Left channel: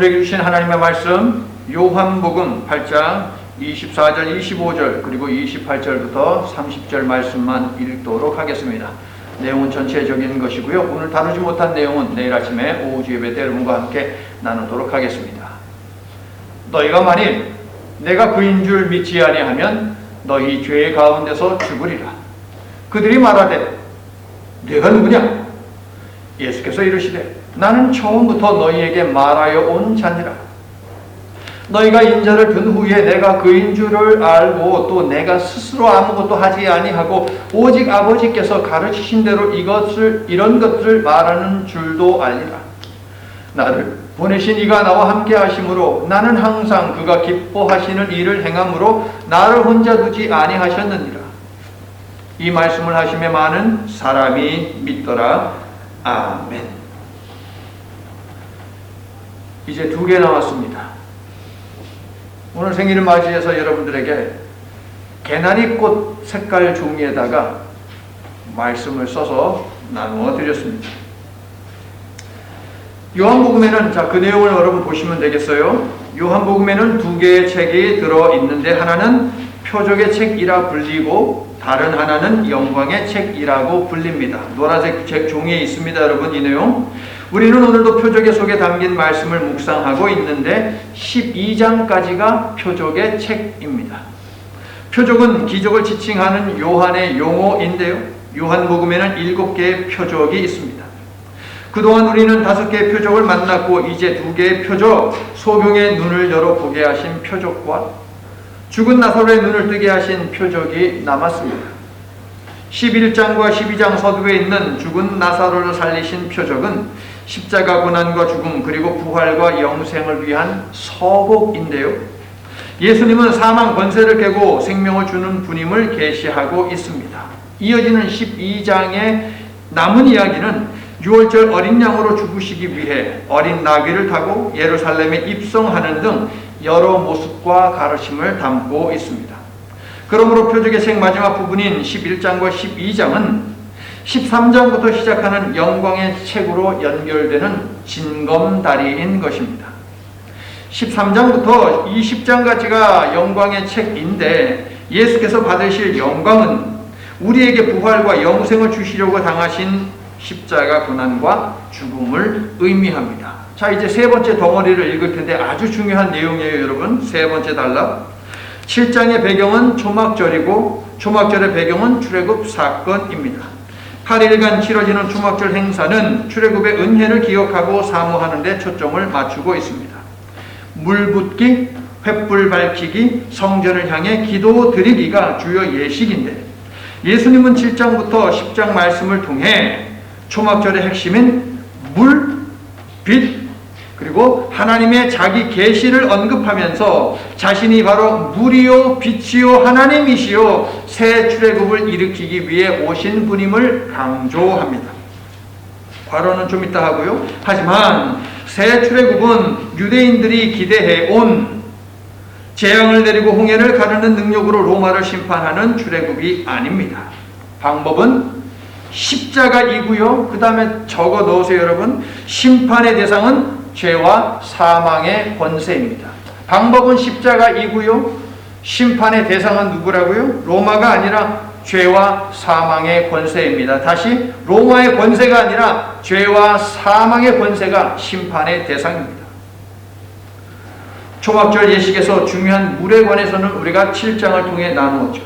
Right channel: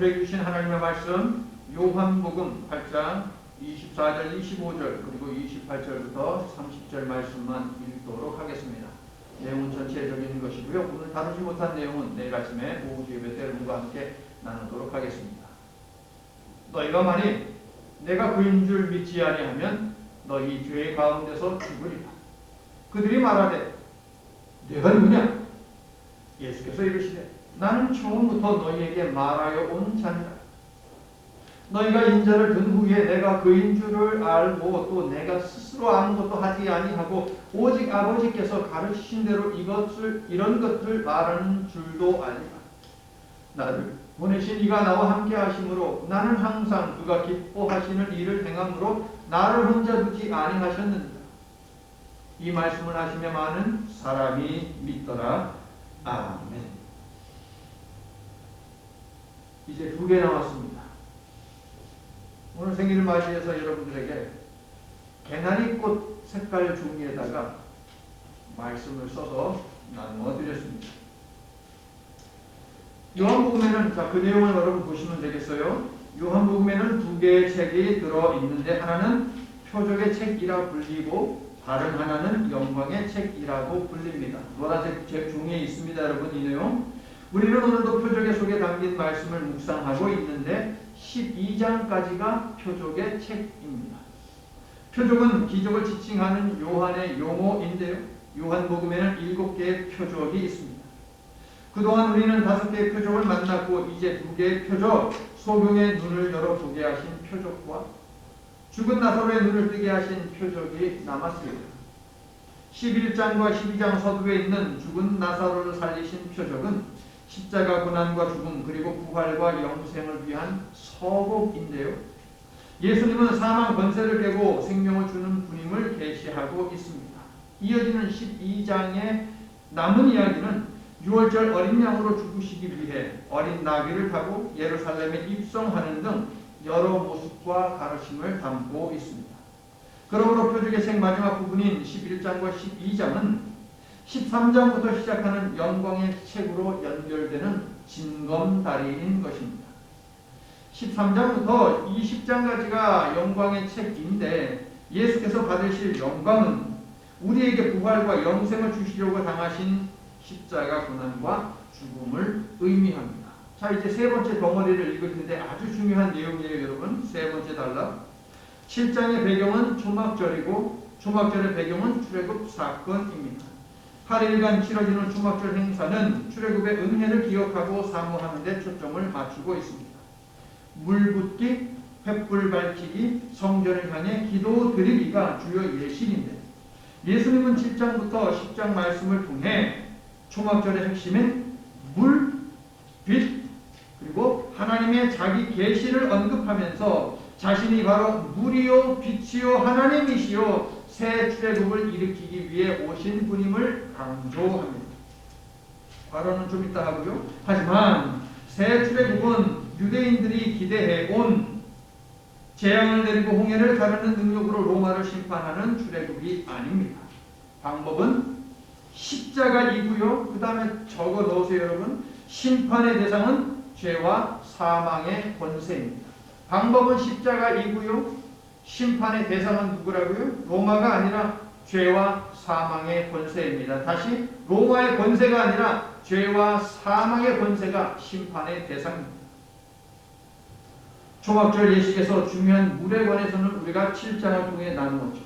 우리에게 주신 하나님의 말씀 요한복음 8장 24절, 25절 그리고 28절부터 30절 말씀만 읽도록 하겠습니다. 내용은 전체적인 것이고요. 오늘 다루지 못한 내용은 내일 아침에 오후 예배 때 여러분과 함께 나누도록 하겠습니다. 너희가 만일 내가 그인 줄 믿지 아니하면 너희 죄 가운데서 죽으리라. 그들이 말하되 내가 누구냐? 예수께서 이르시되 나는 처음부터 너희에게 말하여 온 자니라. 너희가 인자를 든 후에 내가 그인 줄을 알고 또 내가 스스로 아무것도 하지 아니하고 오직 아버지께서 가르치신 대로 이런 것들을 말하는 줄도 알리라. 나를 보내신 이가 나와 함께 하심으로 나는 항상 그가 기뻐하시는 일을 행함으로 나를 혼자 두지 아니하셨느니라. 이 말씀을 하심에 많은 사람이 믿더라. 아멘. 이제 2개 남았습니다. 오늘 생일을 맞이해서 여러분들에게 개나리꽃 색깔 종이에다가 말씀을 써서 나누어 드렸습니다. 요한복음에는 그 내용을 여러분 보시면 되겠어요. 요한복음에는 2개의 책이 들어있는데 하나는 표적의 책이라 불리고 다른 하나는 영광의 책이라고 불립니다. 노란색 책 종이에 있습니다. 여러분 이 내용 우리는 오늘도 표적의 속에 담긴 말씀을 묵상하고 있는데 12장까지가 표적의 책입니다. 표적은 기적을 지칭하는 요한의 용어인데요. 요한복음에는 7개의 표적이 있습니다. 그동안 우리는 5개의 표적을 만났고 이제 2개의 표적, 소경의 눈을 열어보게 하신 표적과 죽은 나사로의 눈을 뜨게 하신 표적이 남았습니다. 11장과 12장 서두에 있는 죽은 나사로를 살리신 표적은 십자가 고난과 죽음 그리고 부활과 영생을 위한 서곡인데요. 예수님은 사망 권세를 깨고 생명을 주는 분임을 계시하고 있습니다. 이어지는 12장의 남은 이야기는 6월절 어린 양으로 죽으시기 위해 어린 나귀를 타고 예루살렘에 입성하는 등 여러 모습과 가르침을 담고 있습니다. 그러므로 표적의 책 마지막 부분인 11장과 12장은 13장부터 시작하는 영광의 책으로 연결되는 징검다리인 것입니다. 13장부터 20장까지가 영광의 책인데 예수께서 받으실 영광은 우리에게 부활과 영생을 주시려고 당하신 십자가 고난과 죽음을 의미합니다. 자, 이제 세 번째 덩어리를 읽을 텐데 아주 중요한 내용이에요, 여러분. 세 번째 단락. 7장의 배경은 초막절이고 초막절의 배경은 출애굽 사건입니다. 8일간 치러지는 초막절 행사는 출애굽의 은혜를 기억하고 사모하는 데 초점을 맞추고 있습니다. 물 붓기, 횃불 밝히기, 성전을 향해 기도 드리기가 주요 예식인데 예수님은 7장부터 10장 말씀을 통해 초막절의 핵심인 물, 빛, 그리고 하나님의 자기 계시를 언급하면서 자신이 바로 물이요 빛이요 하나님이시요 새 출애굽을 일으키기 위해 오신 분임을 강조합니다. 과로는 좀 이따 하고요. 하지만 새 출애굽은 유대인들이 기대해 온 재앙을 내리고 홍해를 가르는 능력으로 로마를 심판하는 출애굽이 아닙니다. 방법은 십자가이고요. 그 다음에 적어 넣으세요, 여러분. 심판의 대상은 죄와 사망의 권세입니다. 방법은 십자가이고요. 심판의 대상은 누구라고요? 로마가 아니라 죄와 사망의 권세입니다. 다시 로마의 권세가 아니라 죄와 사망의 권세가 심판의 대상입니다. 초막절 예식에서 중요한 물에 관해서는 우리가 7장을 통해 나누었죠.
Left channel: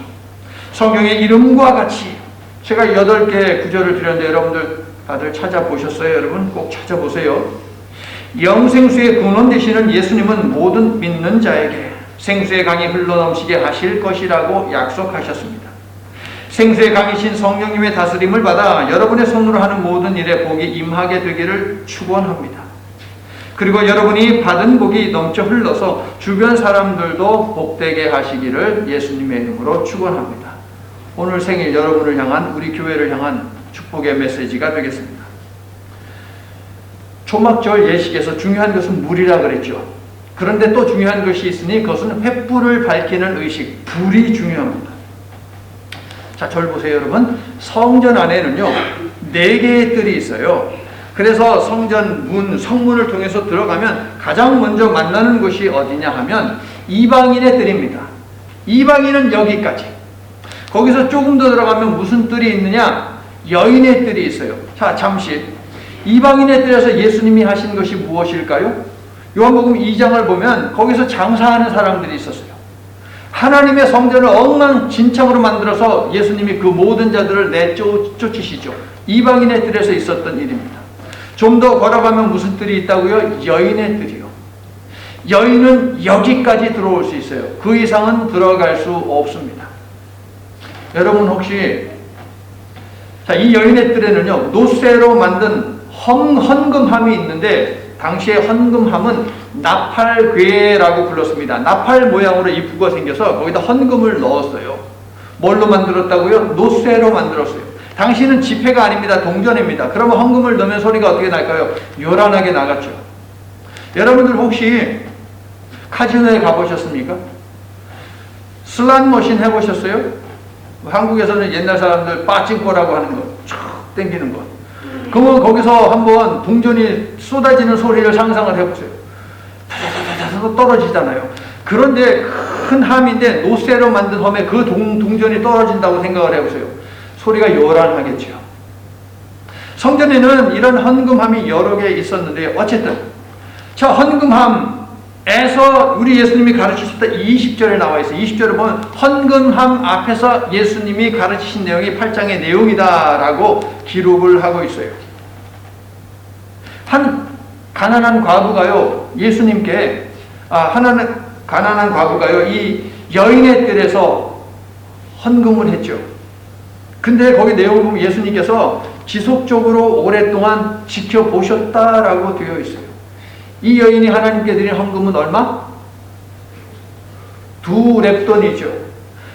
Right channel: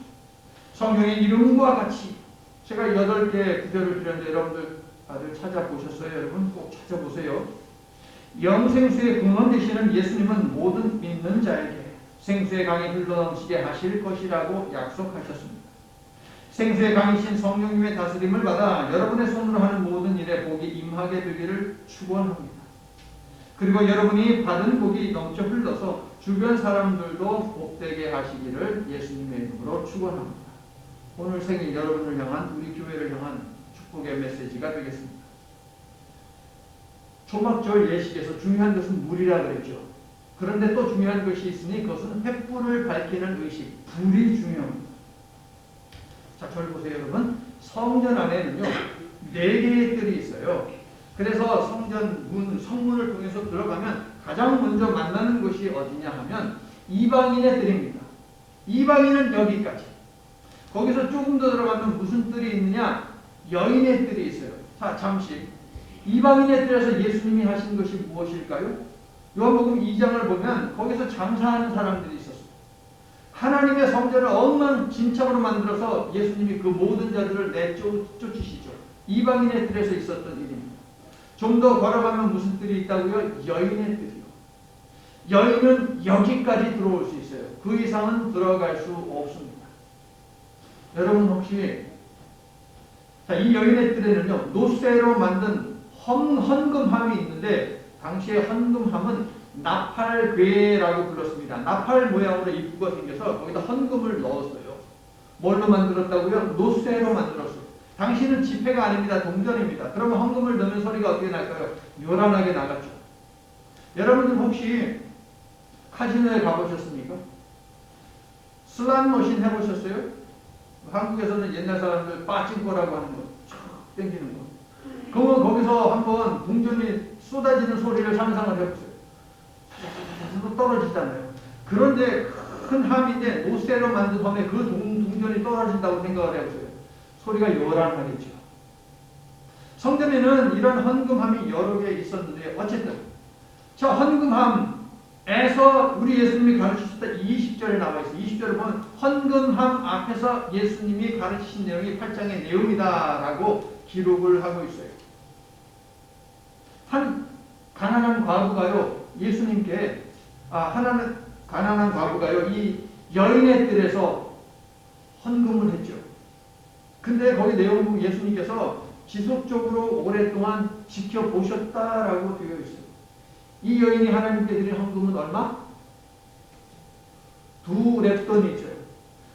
성경의 이름과 같이 제가 8개의 구절을 드렸는데 여러분들 다들 찾아보셨어요? 여러분 꼭 찾아보세요. 영생수의 근원 되시는 예수님은 모든 믿는 자에게 생수의 강이 흘러넘치게 하실 것이라고 약속하셨습니다. 생수의 강이신 성령님의 다스림을 받아 여러분의 손으로 하는 모든 일에 복이 임하게 되기를 축원합니다. 그리고 여러분이 받은 복이 넘쳐 흘러서 주변 사람들도 복되게 하시기를 예수님의 이름으로 축원합니다. 오늘 생일 여러분을 향한 우리 교회를 향한 축복의 메시지가 되겠습니다. 초막절 예식에서 중요한 것은 물이라 그랬죠. 그런데 또 중요한 것이 있으니 그것은 횃불을 밝히는 의식, 불이 중요합니다. 자, 절 보세요, 여러분. 성전 안에는요 4개의 뜰이 있어요. 그래서 성전 문, 성문을 통해서 들어가면 가장 먼저 만나는 곳이 어디냐 하면 이방인의 뜰입니다. 이방인은 여기까지. 거기서 조금 더 들어가면 무슨 뜰이 있느냐? 여인의 뜰이 있어요. 자, 잠시. 이방인의 뜰에서 예수님이 하신 것이 무엇일까요? 요한복음 2장을 보면 거기서 장사하는 사람들이 있었어요. 하나님의 성전을 엉망진창으로 만들어서 예수님이 그 모든 자들을 내쫓으시죠. 이방인의 뜰에서 있었던 일입니다. 좀 더 걸어가면 무슨 뜰이 있다고요? 여인의 뜰이요. 여인은 여기까지 들어올 수 있어요. 그 이상은 들어갈 수 없습니다. 여러분 혹시 이 여인의 뜰에는요, 노쇠로 만든 헌금함이 있는데 당시에 헌금함은 나팔괴라고 불렀습니다. 나팔 모양으로 이쁘게 생겨서 거기다 헌금을 넣었어요. 뭘로 만들었다고요? 노쇠로 만들었어요. 당시는 지폐가 아닙니다. 동전입니다. 그러면 헌금을 넣으면 소리가 어떻게 날까요? 요란하게 나갔죠. 여러분들 혹시 카지노에 가보셨습니까? 슬롯 머신 해보셨어요? 한국에서는 옛날 사람들 빠찡꼬라고 하는 거, 촥 땡기는 거. 그러면 거기서 한번 동전이 쏟아지는 소리를 상상을 해보세요. 다다다다다 떨어지잖아요. 그런데 큰 함인데 노쇠로 만든 험에 그 동전이 떨어진다고 생각을 해보세요. 소리가 요란하겠죠. 성전에는 이런 헌금함이 여러 개 있었는데 어쨌든 자, 헌금함에서 우리 예수님이 가르치셨던 20절에 나와 있어요. 20절에 보면 헌금함 앞에서 예수님이 가르치신 내용이 8장의 내용이다라고 기록을 하고 있어요. 한 가난한 과부가요, 예수님께 가난한 과부가요, 이 여인의 뜰에서 헌금을 했죠. 근데 거기 내용을 보면 예수님께서 지속적으로 오랫동안 지켜보셨다라고 되어 있어요. 이 여인이 하나님께 드린 헌금은 얼마? 2렙돈이죠.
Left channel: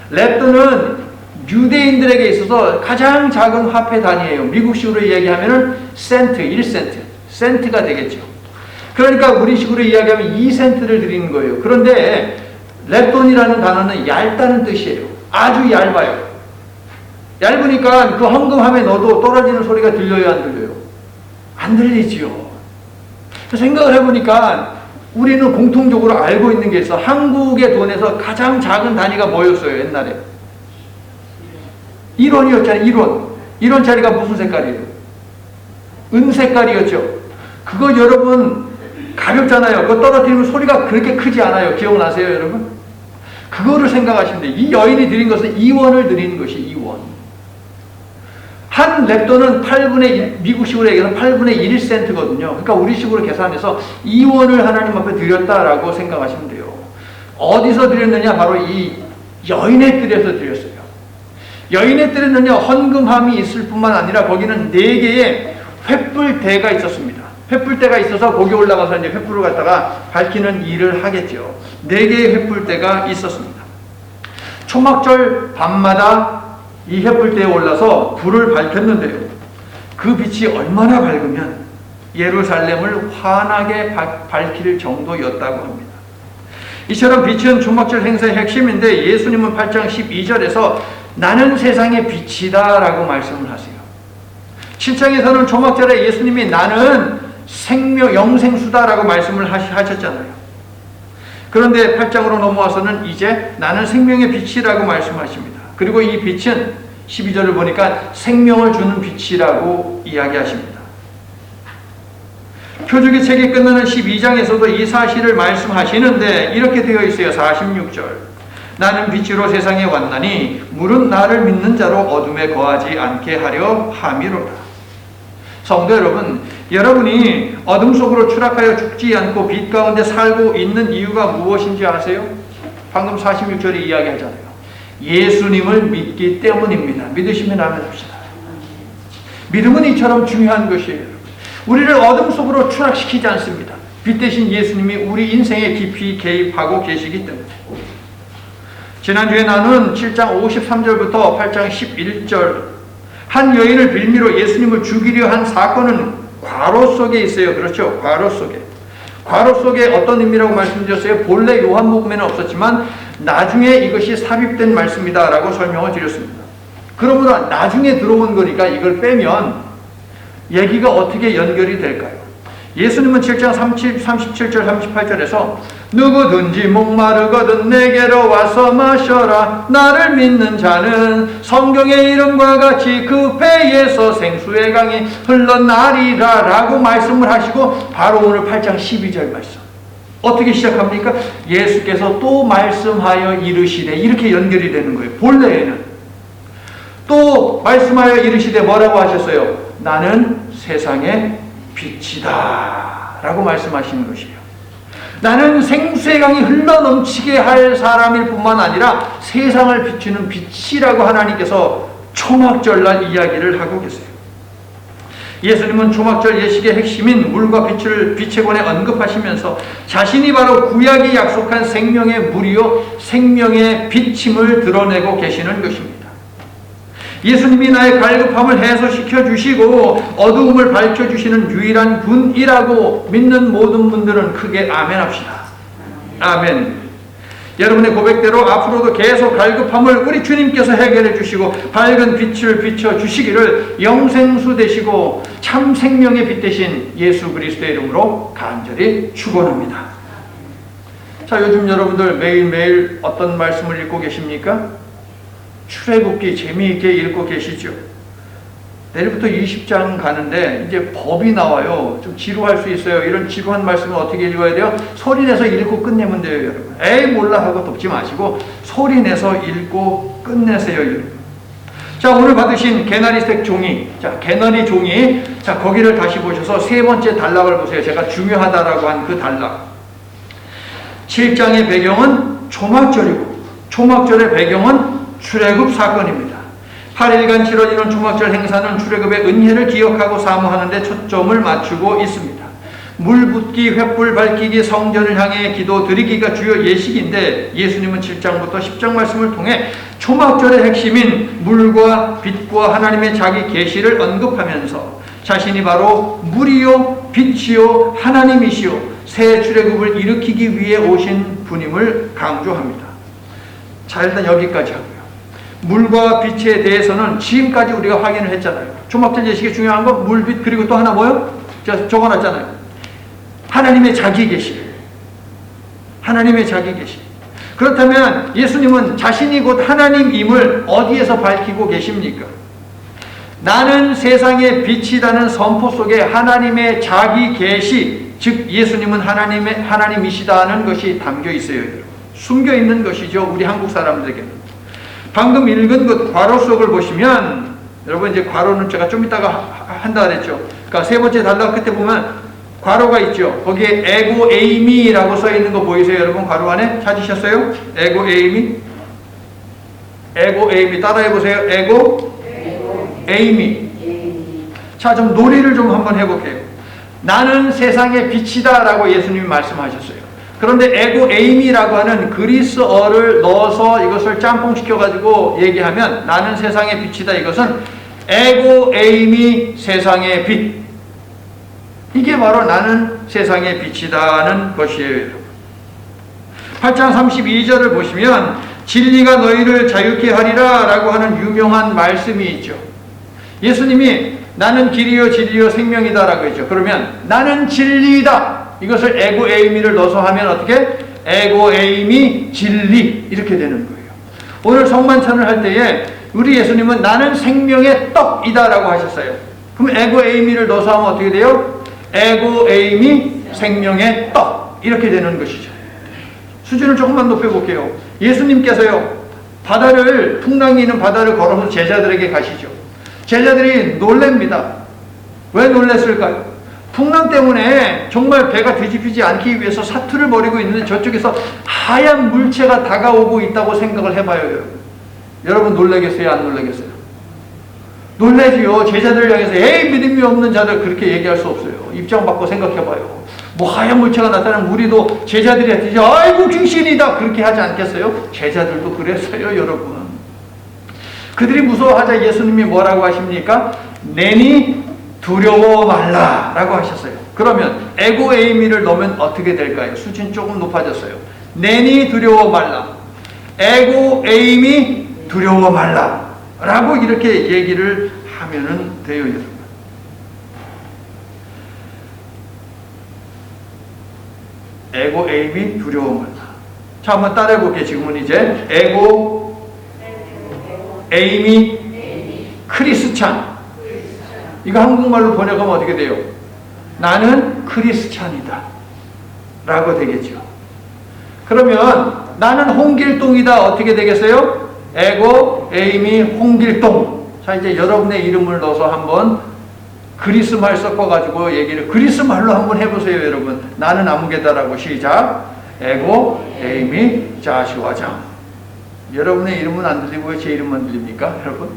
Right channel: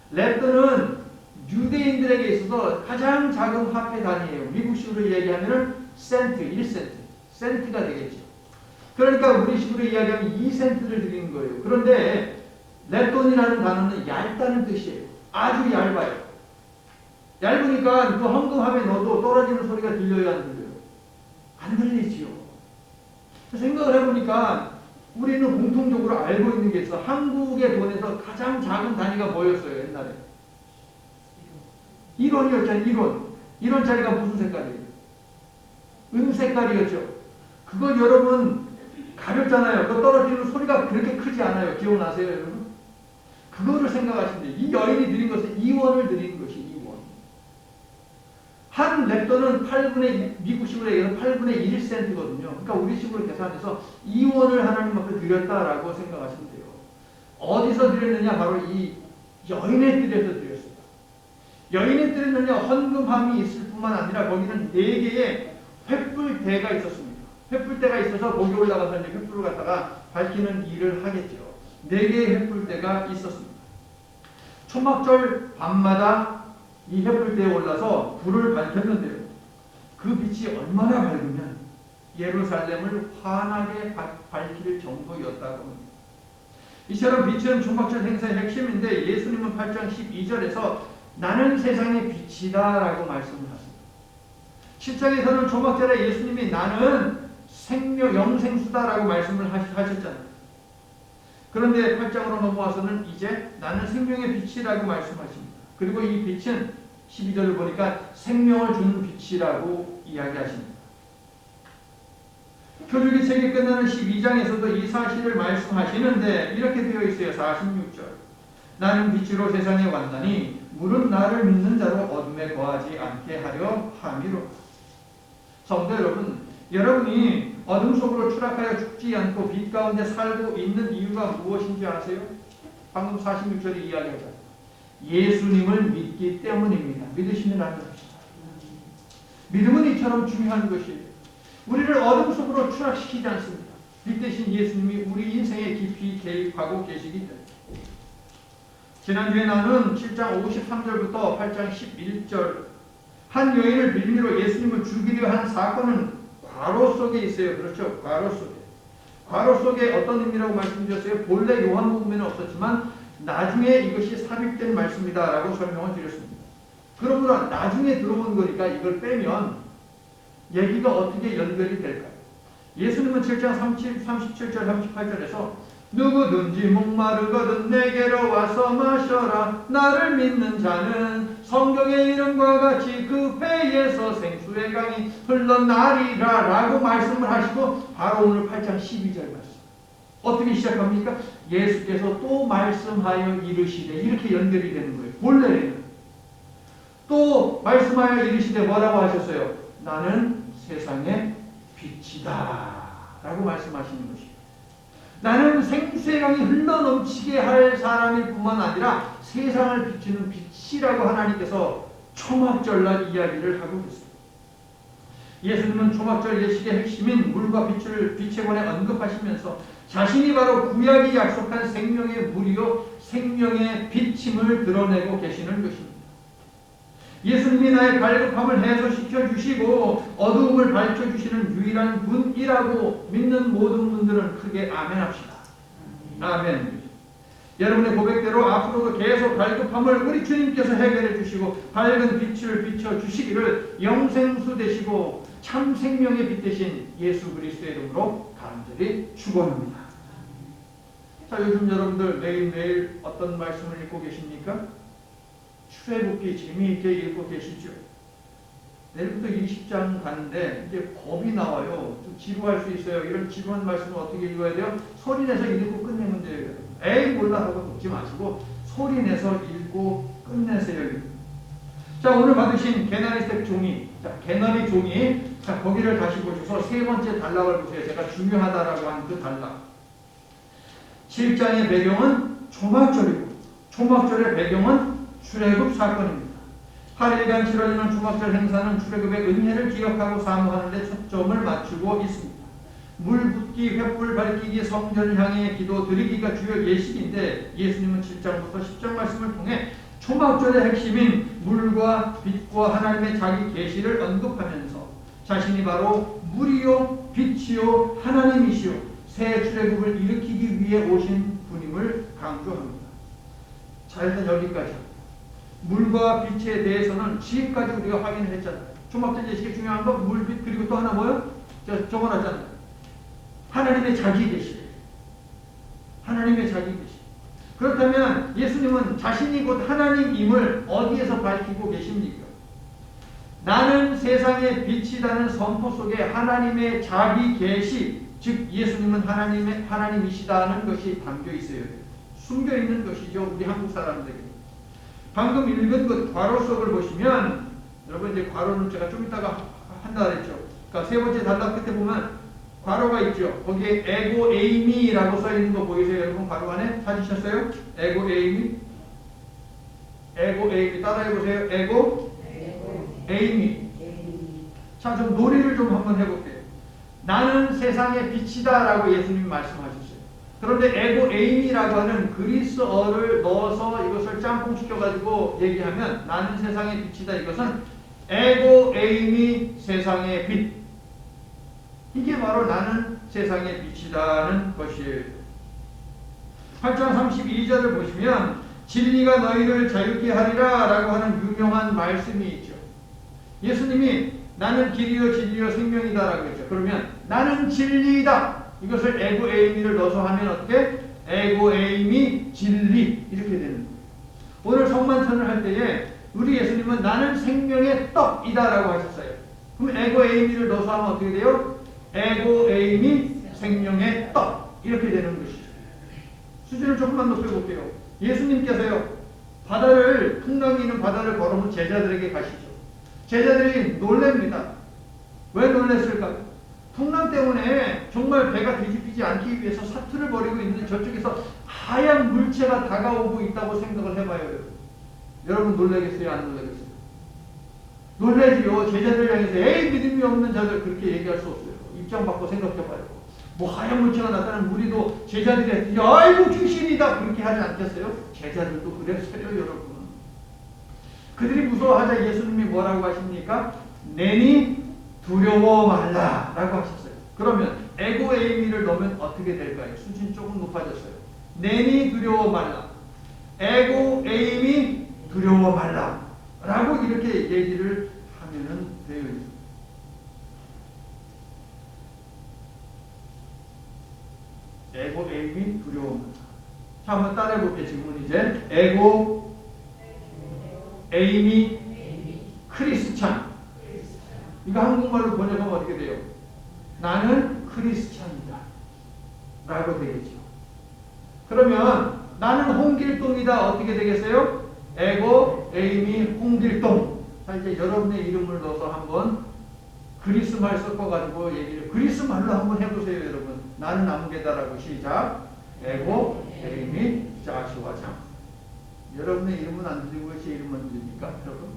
렙돈은 유대인들에게 있어서 가장 작은 화폐 단위예요. 미국식으로 이야기하면 센트, 1센트, 센트가 되겠죠. 그러니까 우리식으로 이야기하면 2센트를 드리는 거예요. 그런데 렙돈이라는 단어는 얇다는 뜻이에요. 아주 얇아요. 얇으니까 그 헌금함에 넣어도 떨어지는 소리가 들려요, 안 들려요? 안 들리지요. 생각을 해보니까 우리는 공통적으로 알고 있는 게 있어. 한국의 돈에서 가장 작은 단위가 뭐였어요, 옛날에? 1원이었잖아요, 1원. 1원짜리가 무슨 색깔이에요? 은색깔이었죠. 그거 여러분 가볍잖아요. 그거 떨어뜨리면 소리가 그렇게 크지 않아요. 기억나세요, 여러분? 그거를 생각하시면 돼요. 이 여인이 드린 것은 2원을 드리는 것이 2원. 한 렙돈은 8분의 1, 미국식으로 얘기해서 8분의 1센트거든요. 그러니까 우리식으로 계산해서 2원을 하나님 앞에 드렸다라고 생각하시면 돼요. 어디서 드렸느냐? 바로 이 여인의 뜰에서 드렸어요. 여인의 뜰에는요, 헌금함이 있을 뿐만 아니라 거기는 4개의 횃불대가 있었습니다. 횃불대가 있어서 거기 올라가서 이제 횃불을 갖다가 밝히는 일을 하겠죠. 4개의 횃불대가 있었습니다. 초막절 밤마다 이 횃불대에 올라서 불을 밝혔는데요. 그 빛이 얼마나 밝으면 예루살렘을 환하게 밝힐 정도였다고 합니다. 이처럼 빛은 초막절 행사의 핵심인데 예수님은 8장 12절에서 나는 세상의 빛이다 라고 말씀을 하세요. 7장에서는 초막절에 예수님이 나는 생명, 영생수다 라고 말씀을 하셨잖아요. 그런데 8장으로 넘어와서는 이제 나는 생명의 빛이라고 말씀하십니다. 그리고 이 빛은 12절을 보니까 생명을 주는 빛이라고 이야기하십니다. 표적의 책이 끝나는 12장에서도 이 사실을 말씀하시는데 이렇게 되어 있어요. 46절. 나는 빛으로 세상에 왔나니 물은 나를 믿는 자로 어둠에 거하지 않게 하려 함이로다. 성도 여러분, 여러분이 어둠 속으로 추락하여 죽지 않고 빛 가운데 살고 있는 이유가 무엇인지 아세요? 방금 46절에 이야기하잖아요. 예수님을 믿기 때문입니다. 믿으시면 아멘 합시다. 믿음은 이처럼 중요한 것이에요. 우리를 어둠 속으로 추락시키지 않습니다. 빛 대신 예수님이 우리 인생에 깊이 개입하고 계시기 때문에. 지난주에 나눈 7장 53절부터 8장 11절 한 여인을 빌미로 예수님을 죽이려 한 사건은 괄호 속에 있어요. 그렇죠? 괄호 속에. 괄호 속에 어떤 의미라고 말씀드렸어요? 본래 요한복음에는 없었지만 나중에 이것이 삽입된 말씀이다 라고 설명을 드렸습니다. 그러므로 나중에 들어온 거니까 이걸 빼면 얘기가 어떻게 연결이 될까요? 예수님은 7장 37절 38절에서 누구든지 목마르거든 내게로 와서 마셔라. 나를 믿는 자는 성경의 이름과 같이 그 배에서 생수의 강이 흘러나리라 라고 말씀을 하시고 바로 오늘 8장 12절 말씀 어떻게 시작합니까? 예수께서 또 말씀하여 이르시되 이렇게 연결이 되는 거예요. 본래에는 또 말씀하여 이르시되 뭐라고 하셨어요? 나는 세상의 빛이다 라고 말씀하시는 것이에요. 나는 생수의 강이 흘러넘치게 할 사람일 뿐만 아니라 세상을 비추는 빛이라고 하나님께서 초막절날 이야기를 하고 계세요. 예수님은 초막절 예식의 핵심인 물과 빛을 빛에 관해 언급하시면서 자신이 바로 구약이 약속한 생명의 물이요 생명의 빛임을 드러내고 계시는 것입니다. 예수님이 나의 갈급함을 해소시켜 주시고 어두움을 밝혀주시는 유일한 분이라고 믿는 모든 분들은 크게 아멘 합시다. 아멘. 여러분의 고백대로 앞으로도 계속 갈급함을 우리 주님께서 해결해 주시고 밝은 빛을 비춰 주시기를 영생수 되시고 참 생명의 빛 되신 예수 그리스도의 이름으로 간절히 축원합니다. 자, 요즘 여러분들 매일매일 어떤 말씀을 읽고 계십니까? 출애굽기 재미있게 읽고 계시죠? 내일부터 20장 가는데 이제 법이 나와요. 좀 지루할 수 있어요. 이런 지루한 말씀을 어떻게 읽어야 돼요? 소리내서 읽고 끝내면 돼요, 여러분. 에이 몰라 하고 덮지 마시고 소리내서 읽고 끝내세요, 여러분. 자, 오늘 받으신 개나리색 종이, 자, 개나리 종이, 자, 거기를 다시 보셔서 세 번째 단락을 보세요. 제가 중요하다라고 한 그 단락. 7장의 배경은 초막절이고 초막절의 배경은 출애굽 사건입니다. 8일간 치러지는 초막절 행사는 출애굽의 은혜를 기억하고 사모하는 데 초점을 맞추고 있습니다. 물 붓기, 횃불 밝히기, 성전을 향해 기도 드리기가 주요 예식인데 예수님은 7장부터 10장 말씀을 통해 초막절의 핵심인 물과 빛과 하나님의 자기 계시를 언급하면서 자신이 바로 물이요 빛이요 하나님이시요 새 출애굽을 일으키기 위해 오신 분임을 강조합니다. 자, 일단 여기까지 하고요. 물과 빛에 대해서는 지금까지 우리가 확인을 했잖아요. 초막절 예식이 중요한 건 물, 빛, 그리고 또 하나 뭐요? 제가 적어놨잖아요. 하나님의 자기 계시. 하나님의 자기 계시. 그렇다면 예수님은 자신이 곧 하나님임을 어디에서 밝히고 계십니까? 나는 세상의 빛이라는 선포 속에 하나님의 자기 계시, 즉 예수님은 하나님이시다는 것이 담겨 있어요. 숨겨 있는 것이죠. 우리 한국 사람들에게는. 방금 읽은 그 괄호 속을 보시면 여러분 이제 괄호는 제가 좀 이따가 한다 그랬죠. 그러니까 세 번째 단락 끝에 보면 괄호가 있죠. 거기에 에고 에이미라고 써 있는 거 보이세요? 여러분 괄호 안에 찾으셨어요? 에고 에이미. 에고 에이미 따라해 보세요. 에고 에이미. 자, 좀 놀이를 좀 한번 해볼게요. 나는 세상의 빛이다라고 예수님이 말씀하셨어요. 그런데 에고 에이미라고 하는 그리스어를 넣어서 이것을 짬뽕시켜가지고 얘기하면 나는 세상의 빛이다. 이것은 에고 에이미 세상의 빛. 이게 바로 나는 세상의 빛이다는 것이에요. 8장 32절을 보시면 진리가 너희를 자유케 하리라 라고 하는 유명한 말씀이 있죠. 예수님이 나는 길이요 진리요 생명이다 라고 했죠. 그러면 나는 진리이다. 이것을 에고 에이미를 넣어서 하면 어떻게? 에고 에이미 진리 이렇게 되는 거예요. 오늘 성만찬을 할 때에 우리 예수님은 나는 생명의 떡이다 라고 하셨어요. 그럼 에고 에이미를 넣어서 하면 어떻게 돼요? 에고 에이미 생명의 떡 이렇게 되는 것이죠. 수준을 조금만 높여볼게요. 예수님께서요 바다를 풍랑이 있는 바다를 걸어서 제자들에게 가시죠. 제자들이 놀랍니다. 왜 놀랐을까요? 풍랑 때문에 정말 배가 뒤집히지 않기 위해서 사투를 벌이고 있는데 저쪽에서 하얀 물체가 다가오고 있다고 생각을 해봐요. 여러분 놀라겠어요? 안 놀라겠어요? 놀라지요. 제자들을 향해서 에이 믿음이 없는 자들 그렇게 얘기할 수 없어요. 입장 바꿔 생각해봐요. 뭐 하얀 물체가 나타나면 우리도 제자들이 하지 아이고 귀신이다 그렇게 하지 않겠어요? 제자들도 그랬어요. 여러분 그들이 무서워하자 예수님이 뭐라고 하십니까? 내니 두려워 말라 라고 하셨어요. 그러면 에고 에이미를 넣으면 어떻게 될까요? 수준 조금 높아졌어요. 내니 두려워 말라 에고 에이미 두려워 말라 라고 이렇게 얘기를 하면은 돼요. 여러분 에고 에임이 두려워 말라. 자, 한번 따라해 볼게요. 지금은 이제 에고 에임이 크리스찬. 이거 한국말로 번역하면 어떻게 돼요? 나는 크리스찬이다 라고 되겠죠. 그러면 나는 홍길동이다 어떻게 되겠어요? 에고 에임이 홍길동. 자, 이제 여러분의 이름을 넣어서 한번 그리스말 섞어가지고 얘기를 그리스말로 한번 해보세요. 여러분, 나는 아무개다라고. 시작. 에고 에임이 자시와장. 여러분의 이름은 안 들리고 왜 제 이름만 들립니까? 여러분,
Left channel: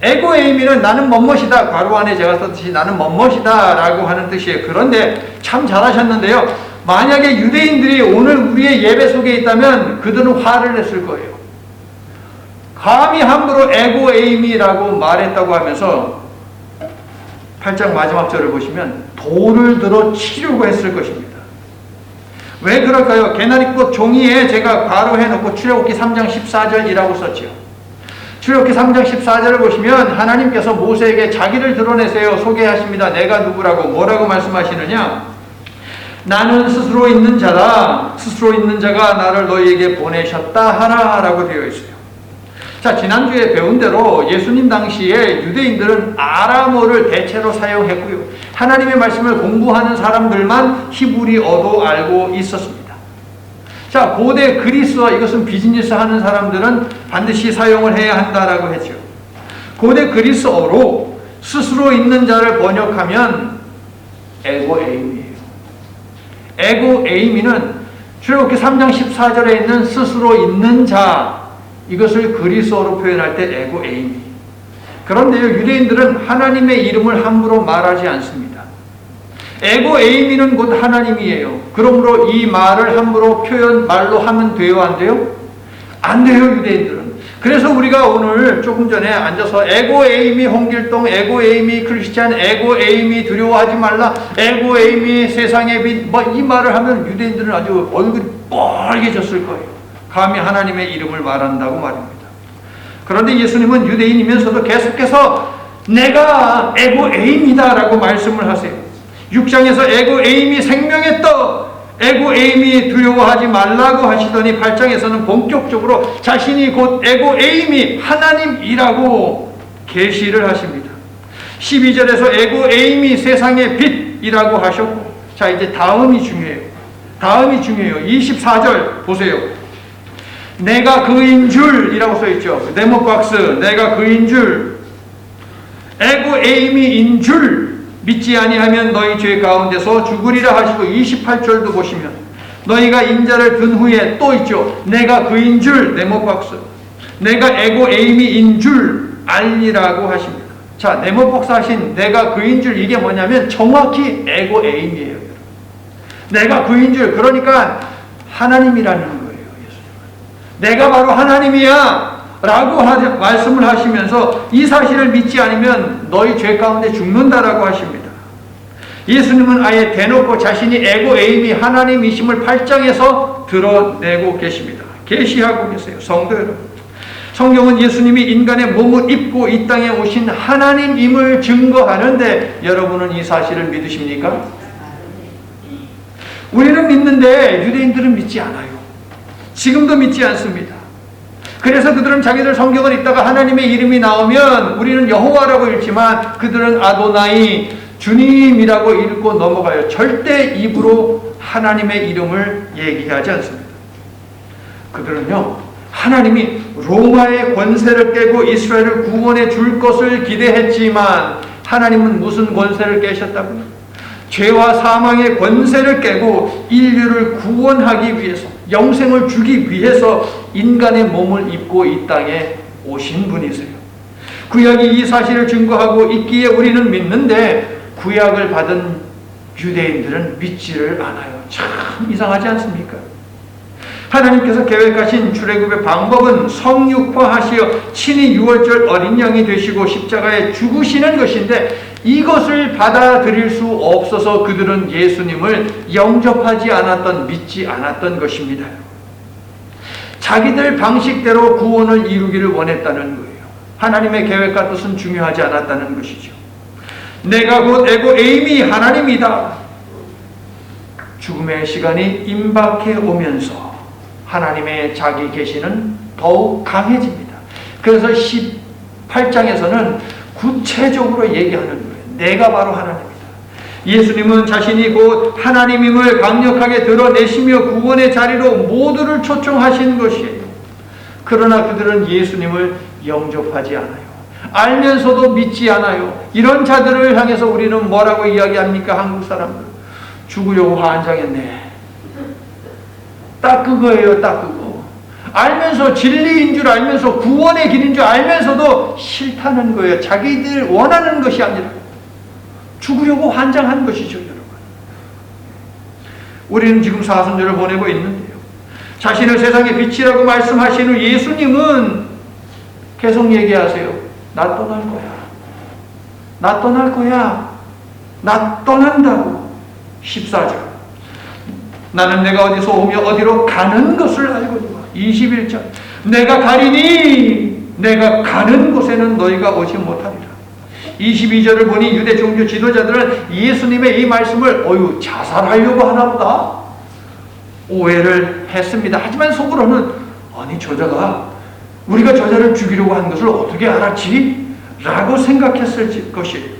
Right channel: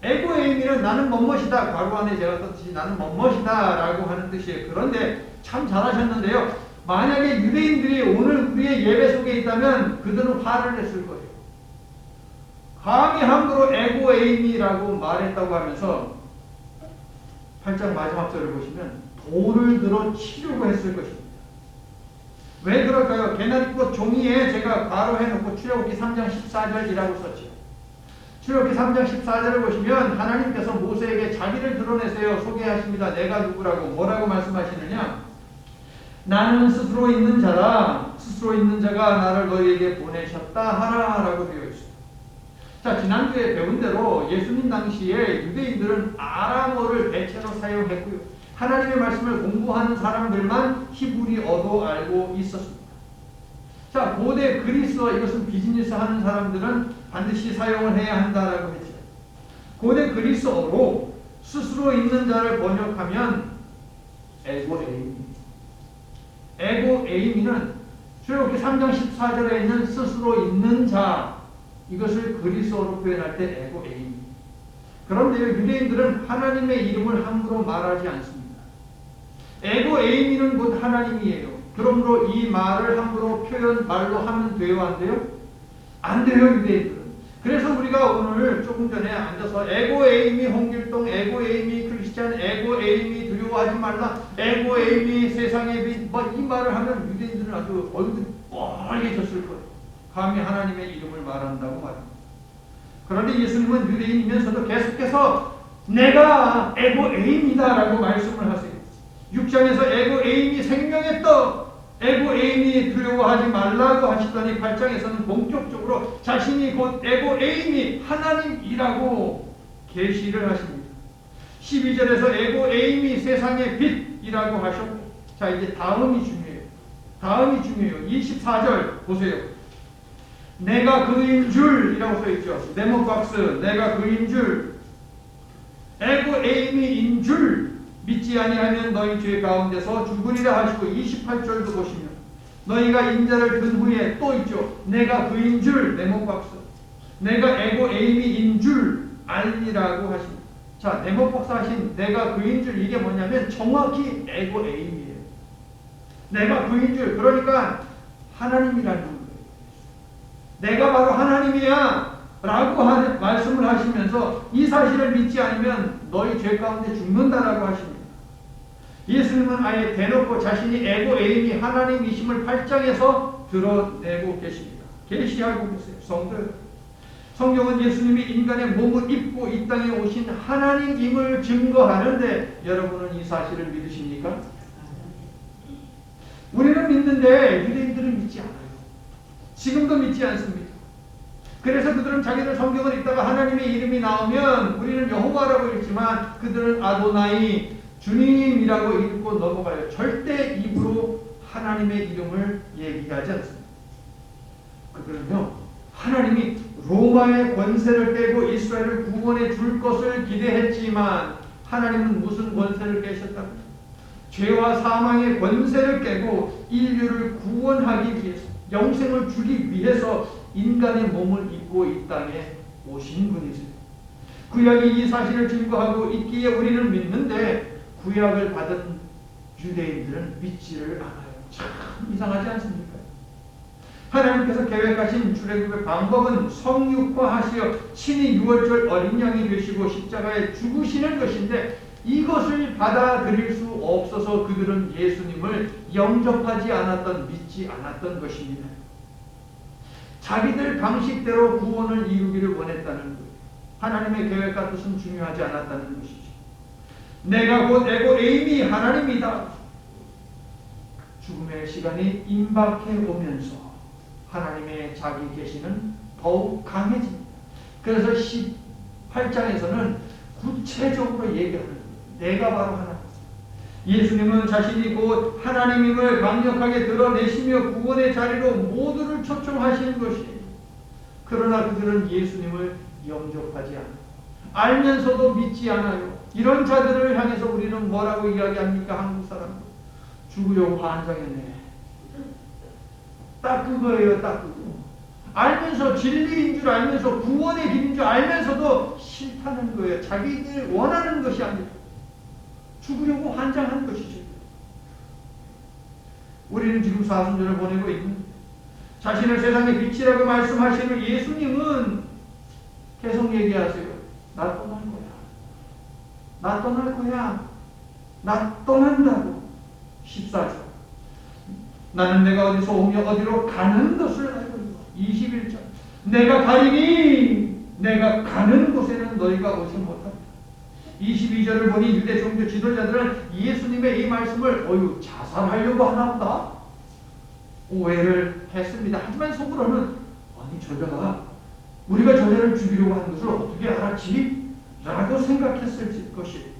에고 에이미는 나는 멋멋이다. 괄호 안에 제가 썼듯이 나는 멋멋이다 라고 하는 뜻이에요. 그런데 참 잘하셨는데요, 만약에 유대인들이 오늘 우리의 예배 속에 있다면 그들은 화를 냈을 거예요. 감히 함부로 에고 에이미라고 말했다고 하면서 8장 마지막 절을 보시면 돌을 들어 치려고 했을 것입니다. 왜 그럴까요? 개나리꽃 종이에 제가 괄호해놓고 출애굽기 3장 14절이라고 썼죠. 출애굽기 3장 14절을 보시면 하나님께서 모세에게 자기를 드러내세요 소개하십니다. 내가 누구라고. 뭐라고 말씀하시느냐? 나는 스스로 있는 자다. 스스로 있는 자가 나를 너희에게 보내셨다 하라 라고 되어 있어요. 자, 지난주에 배운 대로 예수님 당시에 유대인들은 아람어를 대체로 사용했고요. 하나님의 말씀을 공부하는 사람들만 히브리어도 알고 있었습니다. 자, 고대 그리스어, 이것은 비즈니스 하는 사람들은 반드시 사용을 해야 한다라고 했죠. 고대 그리스어로 스스로 있는 자를 번역하면 에고 에이미예요. 에고 에이미는 출애굽기 3장 14절에 있는 스스로 있는 자, 이것을 그리스어로 표현할 때 에고 에이미. 그런데요, 유대인들은 하나님의 이름을 함부로 말하지 않습니다. 에고 에이미는 곧 하나님이에요. 그러므로 이 말을 함부로 말로 하면 돼요, 안 돼요? 안 돼요, 유대인들은. 그래서 우리가 오늘 조금 전에 앉아서 에고 에이미 홍길동, 에고 에이미 크리스찬, 에고 에이미 두려워하지 말라, 에고 에이미 세상의 빛, 이 말을 하면 유대인들은 아주 얼굴이 빨개졌을 거예요. 감히 하나님의 이름을 말한다고 말입니다. 그런데 예수님은 유대인이면서도 계속해서 내가 에고 에임이다 라고 말씀을 하세요. 6장에서 에고 에임이 생명의 떡, 에고 에임이 두려워하지 말라고 하시더니 8장에서는 본격적으로 자신이 곧 에고 에임이 하나님이라고 계시를 하십니다. 12절에서 에고 에임이 세상의 빛이라고 하셨고, 자, 이제 다음이 중요해요. 다음이 중요해요. 24절 보세요. 내가 그인 줄이라고 써있죠. 네모박스, 내가 그인 줄, 에고 에이미인 줄 믿지 아니하면 너희 죄 가운데서 죽으리라 하시고, 28절도 보시면 너희가 인자를 든 후에 또 있죠. 내가 그인 줄, 네모박스, 내가 에고 에이미인 줄 알리라고 하십니다. 자, 네모박스 하신 내가 그인 줄, 이게 뭐냐면 정확히 에고 에이미예요. 내가 그인 줄, 그러니까 하나님이라는 거예요. 내가 바로 하나님이야 라고 말씀을 하시면서 이 사실을 믿지 않으면 너희 죄 가운데 죽는다라고 하십니다. 예수님은 아예 대놓고 자신이 에고 에임이 하나님이심을 8장에서 드러내고 계십니다. 계시하고 계세요. 성도 여러분, 성경은 예수님이 인간의 몸을 입고 이 땅에 오신 하나님임을 증거하는데 여러분은 이 사실을 믿으십니까? 우리는 믿는데 유대인들은 믿지 않아요. 지금도 믿지 않습니다. 그래서 그들은 자기들 성경을 읽다가 하나님의 이름이 나오면 우리는 여호와라고 읽지만 그들은 아도나이, 주님이라고 읽고 넘어가요. 절대 입으로 하나님의 이름을 얘기하지 않습니다. 그들은요, 하나님이 로마의 권세를 깨고 이스라엘을 구원해 줄 것을 기대했지만 하나님은 무슨 권세를 깨셨다고요? 죄와 사망의 권세를 깨고 인류를 구원하기 위해서, 영생을 주기 위해서 인간의 몸을 입고 이 땅에 오신 분이세요. 구약이 이 사실을 증거하고 있기에 우리는 믿는데 구약을 받은 유대인들은 믿지를 않아요. 참 이상하지 않습니까? 하나님께서 계획하신 출애굽의 방법은 성육화하시어 친히 유월절 어린 양이 되시고 십자가에 죽으시는 것인데 이것을 받아들일 수 없어서 그들은 예수님을 영접하지 않았던, 믿지 않았던 것입니다. 자기들 방식대로 구원을 이루기를 원했다는 거예요. 하나님의 계획과 뜻은 중요하지 않았다는 것이죠. 내가 곧 에고 에임이 하나님이다. 죽음의 시간이 임박해 오면서 하나님의 자기 계시는 더욱 강해집니다. 그래서 18장에서는 구체적으로 얘기하는 거예요. 내가 바로 하나님이다. 예수님은 자신이 곧 하나님임을 강력하게 드러내시며 구원의 자리로 모두를 초청하신 것이에요. 그러나 그들은 예수님을 영접하지 않아요. 알면서도 믿지 않아요. 이런 자들을 향해서 우리는 뭐라고 이야기합니까? 한국 사람들. 죽으려고 환장했네. 딱 그거예요. 딱 그거. 알면서 진리인 줄 알면서 구원의 길인 줄 알면서도 싫다는 거예요. 자기들 원하는 것이 아니라 죽으려고 환장한 것이죠, 여러분. 우리는 지금 사순절을 보내고 있는데요. 자신을 세상의 빛이라고 말씀하신 후 예수님은 계속 얘기하세요. 나 떠날 거야. 나 떠날 거야. 나 떠난다고. 14절. 나는 내가 어디서 오며 어디로 가는 것을 알거니와. 21절. 내가 가리니 내가 가는 곳에는 너희가 오지 못하리라. 22절을 보니 유대 종교 지도자들은 예수님의 이 말씀을 자살하려고 하나보다 오해를 했습니다. 하지만 속으로는 아니 저자가 우리가 저자를 죽이려고 한 것을 어떻게 알았지? 라고 생각했을 것이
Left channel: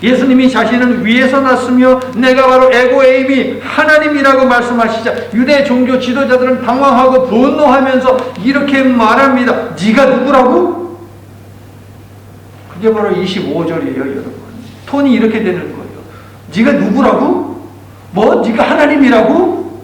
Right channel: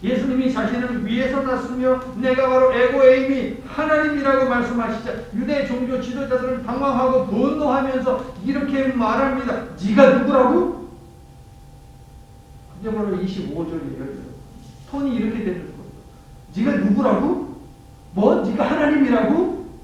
예수님이 자신은 위에서 났으며 내가 바로 에고에임이 하나님이라고 말씀하시자 유대 종교 지도자들은 당황하고 분노하면서 이렇게 말합니다. 네가 누구라고? 그게 바로 25절이에요, 여러분. 톤이 이렇게 되는 거예요. 네가 누구라고? 뭐? 네가 하나님이라고?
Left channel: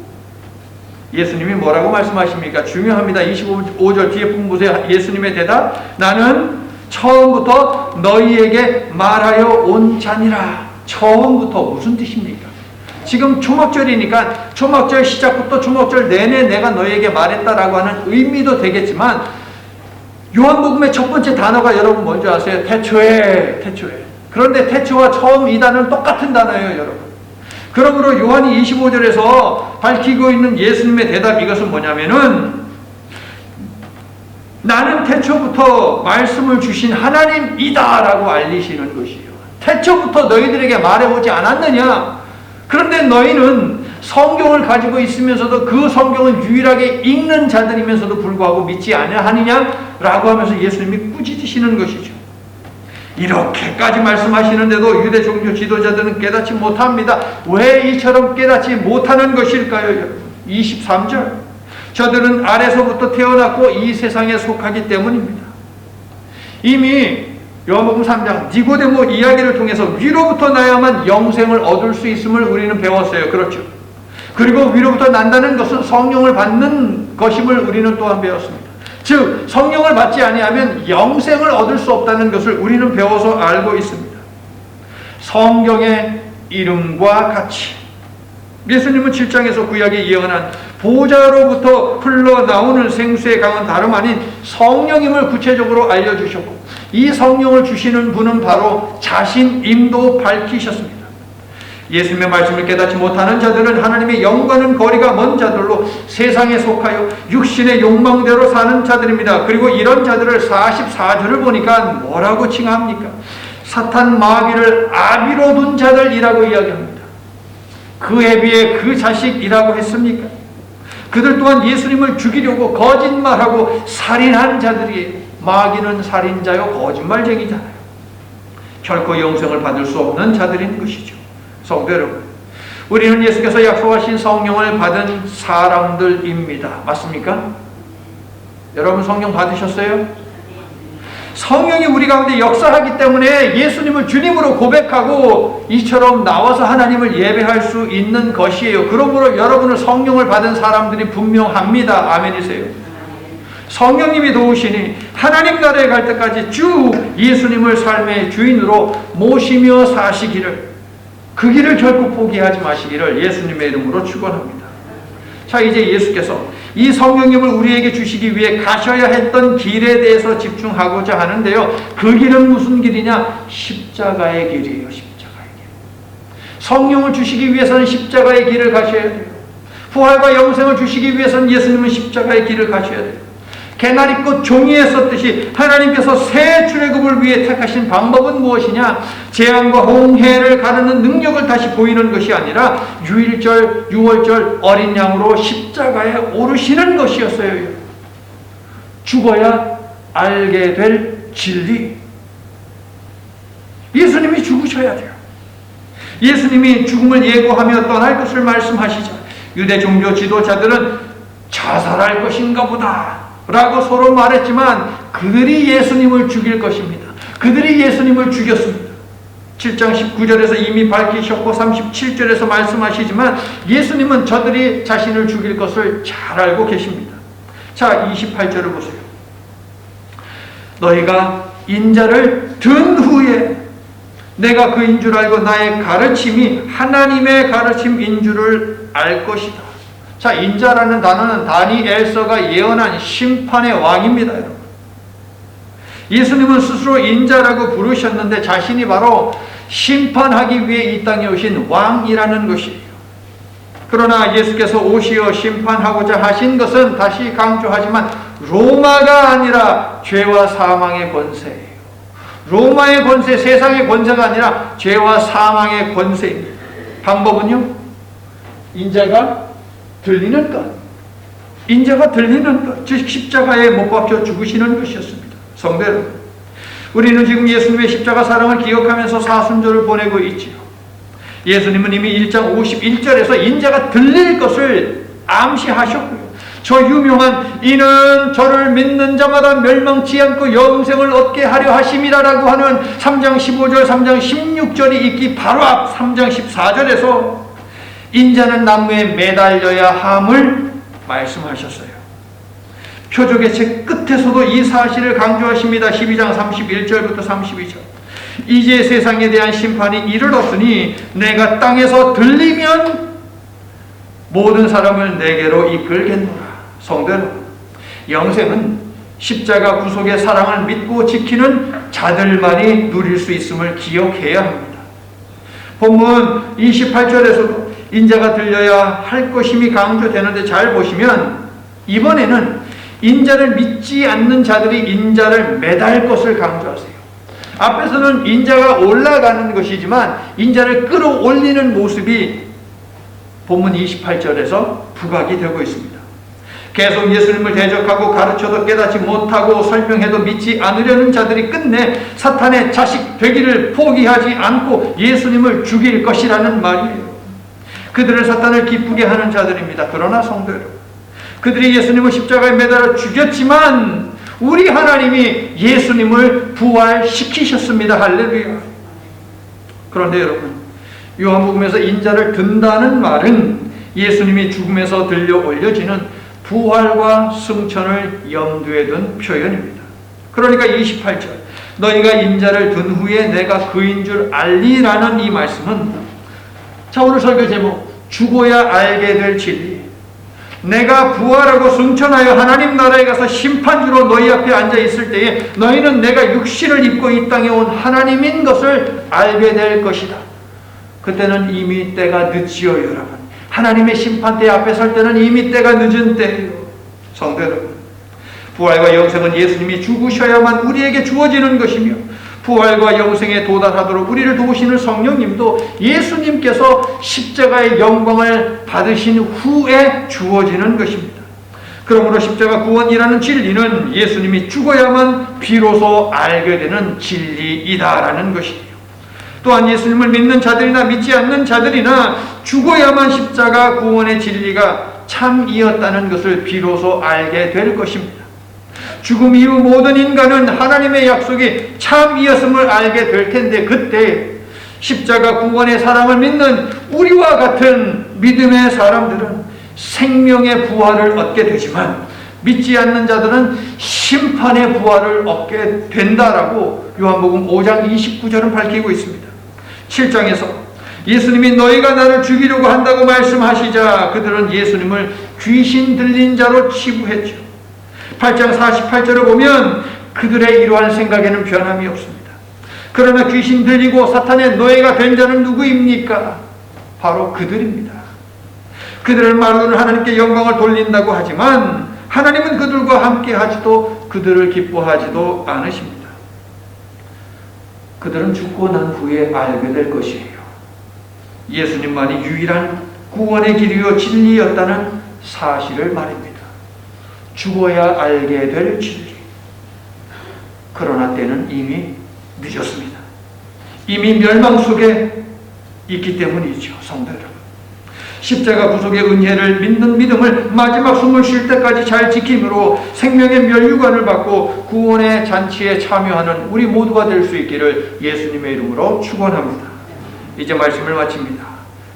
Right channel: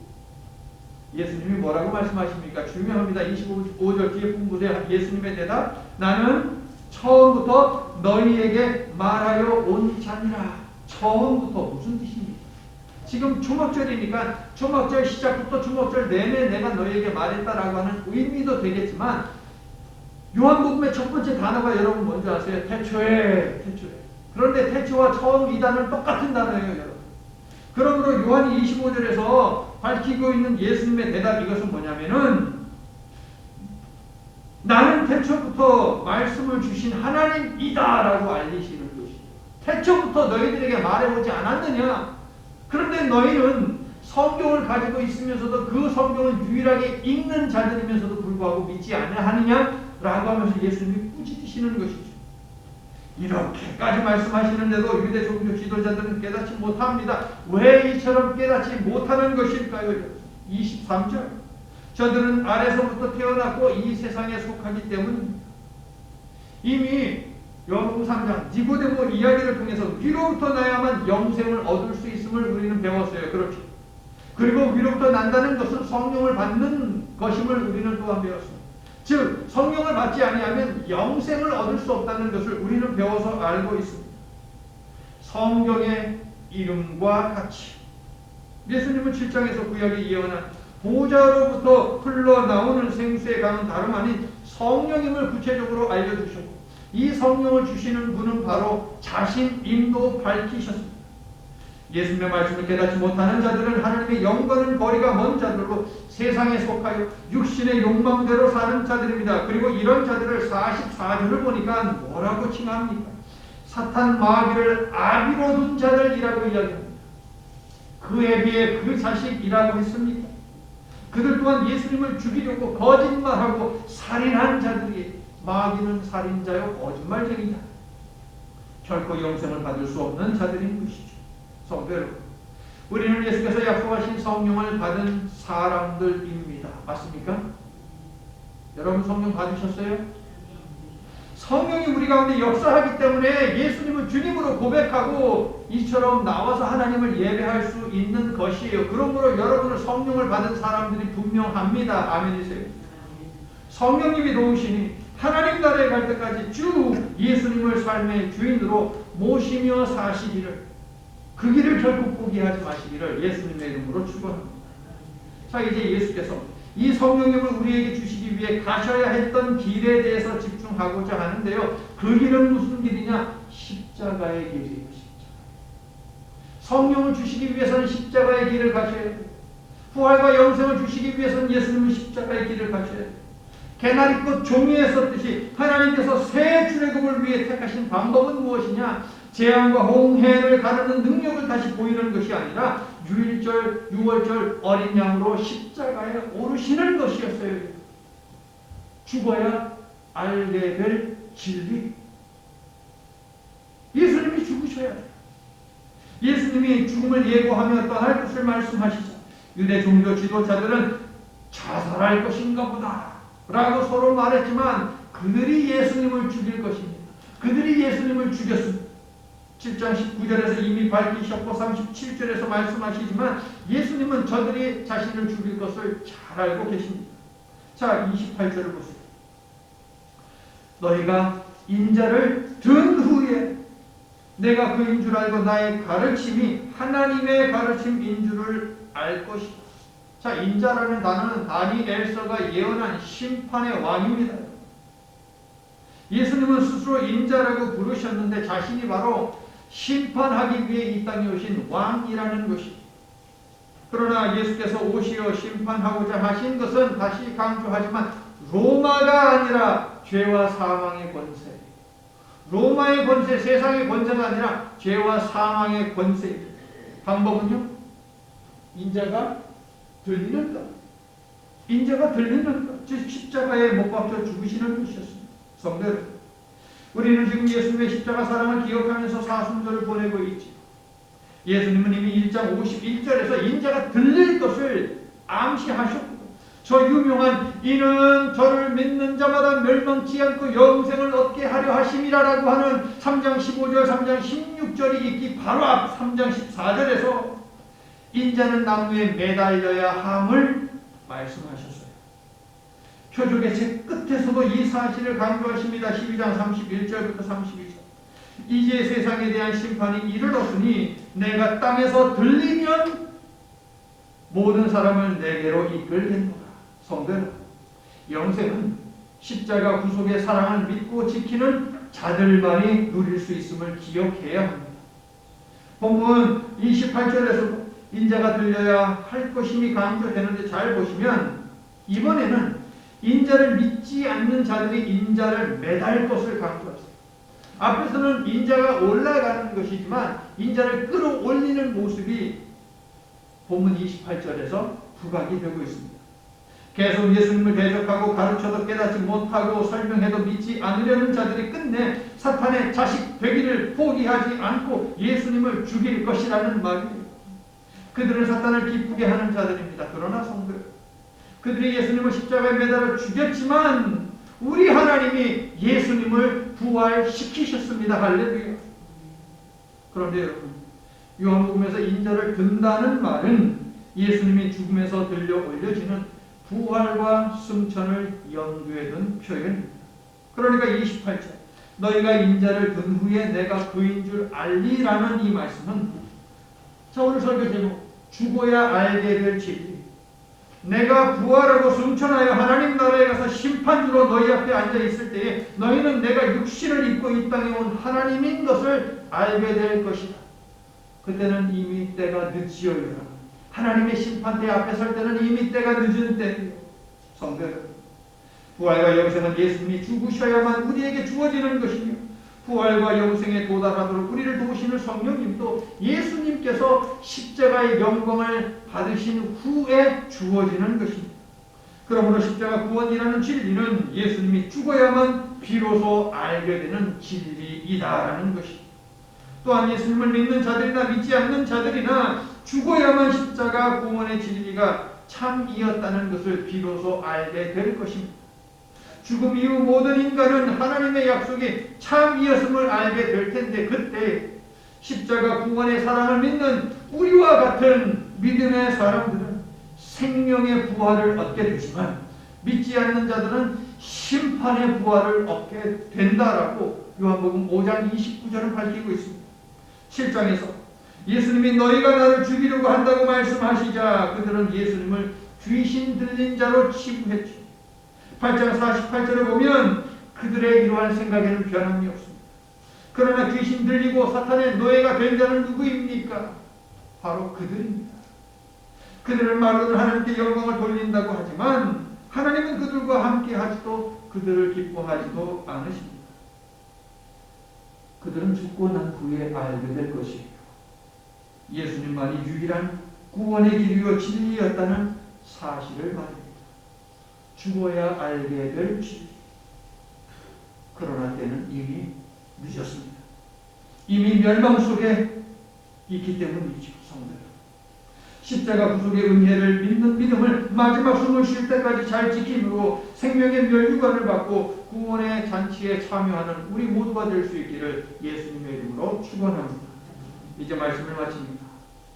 예수님이 뭐라고 말씀하십니까? 중요합니다. 25절 뒤에 부분 보세요. 예수님의 대답. 나는 처음부터 너희에게 말하여 온 자니라. 처음부터 무슨 뜻입니까? 지금 초막절이니까 초막절 시작부터 초막절 내내 내가 너희에게 말했다라고 하는 의미도 되겠지만 요한복음의 첫 번째 단어가 여러분 뭔지 아세요? 태초에. 그런데 태초와 처음 이 단어는 똑같은 단어예요, 여러분. 그러므로 요한이 25절에서 밝히고 있는 예수님의 대답 이것은 뭐냐면은 나는 태초부터 말씀을 주신 하나님이다 라고 알리시는 것이에요. 태초부터 너희들에게 말해오지 않았느냐? 그런데 너희는 성경을 가지고 있으면서도 그 성경을 유일하게 읽는 자들이면서도 불구하고 믿지 아니하느냐? 라고 하면서 예수님이 꾸짖으시는 것이죠. 이렇게까지 말씀하시는데도 유대 종교 지도자들은 깨닫지 못합니다. 왜 이처럼 깨닫지 못하는 것일까요? 23절. 저들은 아래서부터 태어났고 이 세상에 속하기 때문입니다. 이미 요한복음 3장 니고데모 이야기를 통해서 위로부터 나야만 영생을 얻을 수 있음을 우리는 배웠어요. 그렇죠? 그리고 위로부터 난다는 것은 성령을 받는 것임을 우리는 또한 배웠습니다. 즉 성령을 받지 아니하면 영생을 얻을 수 없다는 것을 우리는 배워서 알고 있습니다. 성경의 이름과 같이 예수님은 7장에서 구약에 예언한 보좌로부터 흘러나오는 생수의 강은 다름 아닌 성령임을 구체적으로 알려주셨고 이 성령을 주시는 분은 바로 자신임도 밝히셨습니다. 예수님의 말씀을 깨닫지 못하는 자들은 하나님의 영과는 거리가 먼 자들로 세상에 속하여 육신의 욕망대로 사는 자들입니다. 그리고 이런 자들을 44절을 보니까 뭐라고 칭합니까? 사탄 마귀를 아비로 둔 자들이라고 이야기합니다. 그에 비해 그 자식이라고 했습니까? 그들 또한 예수님을 죽이려고 거짓말하고 살인한 자들이에요. 마귀는 살인자요 거짓말쟁이잖아요. 결코 영생을 받을 수 없는 자들인 것이죠. 성도 여러분, 우리는 예수께서 약속하신 성령을 받은 사람들입니다. 맞습니까? 여러분 성령 받으셨어요? 성령이 우리 가운데 역사하기 때문에 예수님을 주님으로 고백하고 이처럼 나와서 하나님을 예배할 수 있는 것이에요. 그러므로 여러분은 성령을 받은 사람들이 분명합니다. 아멘이세요? 성령님이 도우시니 하나님 나라에 갈 때까지 쭉 예수님을 삶의 주인으로 모시며 사시기를, 그 길을 결코 포기하지 마시기를 예수님의 이름으로 축원합니다. 자, 이제 예수께서 이 성령님을 우리에게 주시기 위해 가셔야 했던 길에 대해서 집중하고자 하는데요. 그 길은 무슨 길이냐? 십자가의 길이에요. 십자가의 길. 성령을 주시기 위해서는 십자가의 길을 가셔야 돼요. 부활과 영생을 주시기 위해서는 예수님은 십자가의 길을 가셔야 돼요. 개나리꽃 종이에 썼듯이 하나님께서 새 출애굽을 위해 택하신 방법은 무엇이냐? 재앙과 홍해를 가르는 능력을 다시 보이는 것이 아니라 유일절, 유월절 어린 양으로 십자가에 오르시는 것이었어요. 죽어야 알게 될 진리. 예수님이 죽으셔야 돼요. 예수님이 죽음을 예고하며 떠날 것을 말씀하시자 유대 종교 지도자들은 자살할 것인가 보다 라고 서로 말했지만 그들이 예수님을 죽일 것입니다. 그들이 예수님을 죽였습니다. 7장 19절에서 이미 밝히셨고 37절에서 말씀하시지만 예수님은 저들이 자신을 죽일 것을 잘 알고 계십니다. 자, 28절을 보세요. 너희가 인자를 든 후에 내가 그인 줄 알고 나의 가르침이 하나님의 가르침인 줄을 알 것이다. 자, 인자라는 단어는 다니엘서가 예언한 심판의 왕입니다, 여러분. 예수님은 스스로 인자라고 부르셨는데 자신이 바로 심판하기 위해 이 땅에 오신 왕이라는 것이에요. 그러나 예수께서 오시어 심판하고자 하신 것은 다시 강조하지만 로마가 아니라 죄와 사망의 권세예요. 로마의 권세, 세상의 권세가 아니라 죄와 사망의 권세입니다. 방법은요? 인자가 들리는 것. 인자가 들리는 것. 즉 십자가에 못 박혀 죽으시는 것이었습니다. 성도 여러분, 우리는 지금 예수님의 십자가 사랑을 기억하면서 사순절을 보내고 있지요. 예수님은 이미 1장 51절에서 인자가 들릴 것을 암시하셨고요. 저 유명한 이는 저를 믿는 자마다 멸망치 않고 영생을 얻게 하려 하심이라라고 하는 3장 15절 3장 16절이 있기 바로 앞 3장 14절에서 인자는 나무에 매달려야 함을 말씀하셨어요. 표적의 책 끝에서도 이 사실을 강조하십니다. 12장 31절부터 32절. 이제 세상에 대한 심판이 이르렀으니 내가 땅에서 들리면 모든 사람을 내게로 이끌겠노라. 성도 여러분, 영생은 십자가 구속의 사랑을 믿고 지키는 자들만이 누릴 수 있음을 기억해야 합니다. 본문 28절에서도 인자가 들려야 할 것임이 강조되는데 잘 보시면 이번에는 인자를 믿지 않는 자들이 인자를 매달 것을 강조하세요. 앞에서는 인자가 올라가는 것이지만 인자를 끌어올리는 모습이 본문 28절에서 부각이 되고 있습니다. 계속 예수님을 대적하고 가르쳐도 깨닫지 못하고 설명해도 믿지 않으려는 자들이 끝내 사탄의 자식 되기를 포기하지 않고 예수님을 죽일 것이라는 말이에요. 그들은 사탄을 기쁘게 하는 자들입니다. 그러나 성도 여러분, 그들이 예수님을 십자가에 매달아 죽였지만 우리 하나님이 예수님을 부활시키셨습니다. 할렐루야. 그런데 여러분, 요한복음에서 인자를 든다는 말은 예수님이 죽음에서 들려 올려지는 부활과 승천을 염두에 둔 표현입니다. 그러니까 28절 너희가 인자를 든 후에 내가 그인 줄 알리라는 이 말씀은, 자, 오늘 설교 제목 죽어야 알게 될 진리, 내가 부활하고 승천하여 하나님 나라에 가서 심판주로 너희 앞에 앉아 있을 때에 너희는 내가 육신을 입고 이 땅에 온 하나님인 것을 알게 될 것이다. 그때는 이미 때가 늦지요, 여러분. 하나님의 심판대 앞에 설 때는 이미 때가 늦은 때예요. 성도 여러분, 부활과 영생은 예수님이 죽으셔야만 우리에게 주어지는 것이며 부활과 영생에 도달하도록 우리를 도우시는 성령님도 예수님께서 십자가의 영광을 받으신 후에 주어지는 것입니다. 그러므로 십자가 구원이라는 진리는 예수님이 죽어야만 비로소 알게 되는 진리이다라는 것이에요. 또한 예수님을 믿는 자들이나 믿지 않는 자들이나 죽어야만 십자가 구원의 진리가 참이었다는 것을 비로소 알게 될 것입니다. 죽음 이후 모든 인간은 하나님의 약속이 참이었음을 알게 될 텐데 그때 십자가 구원의 사랑을 믿는 우리와 같은 믿음의 사람들은 생명의 부활을 얻게 되지만 믿지 않는 자들은 심판의 부활을 얻게 된다라고 요한복음 5장 29절은 밝히고 있습니다. 7장에서 예수님이 너희가 나를 죽이려고 한다고 말씀하시자 그들은 예수님을 귀신 들린 자로 치부했죠. 8장 48절을 보면 그들의 이러한 생각에는 변함이 없습니다. 그러나 귀신 들리고 사탄의 노예가 된 자는 누구입니까? 바로 그들입니다. 그들은 말로는 하나님께 영광을 돌린다고 하지만 하나님은 그들과 함께 하지도 그들을 기뻐하지도 않으십니다. 그들은 죽고 난 후에 알게 될 것이에요. 예수님만이 유일한 구원의 길이요 진리였다는 사실을 말입니다. 죽어야 알게 될 진리. 그러나 때는 이미 늦었습니다. 이미 멸망 속에 있기 때문이죠. 성도 여러분, 십자가 구속의 은혜를 믿는 믿음을 마지막 숨을 쉴 때까지 잘 지킴으로 생명의 면류관을 받고 구원의 잔치에 참여하는 우리 모두가 될 수 있기를 예수님의 이름으로 축원합니다. 이제 말씀을 마칩니다.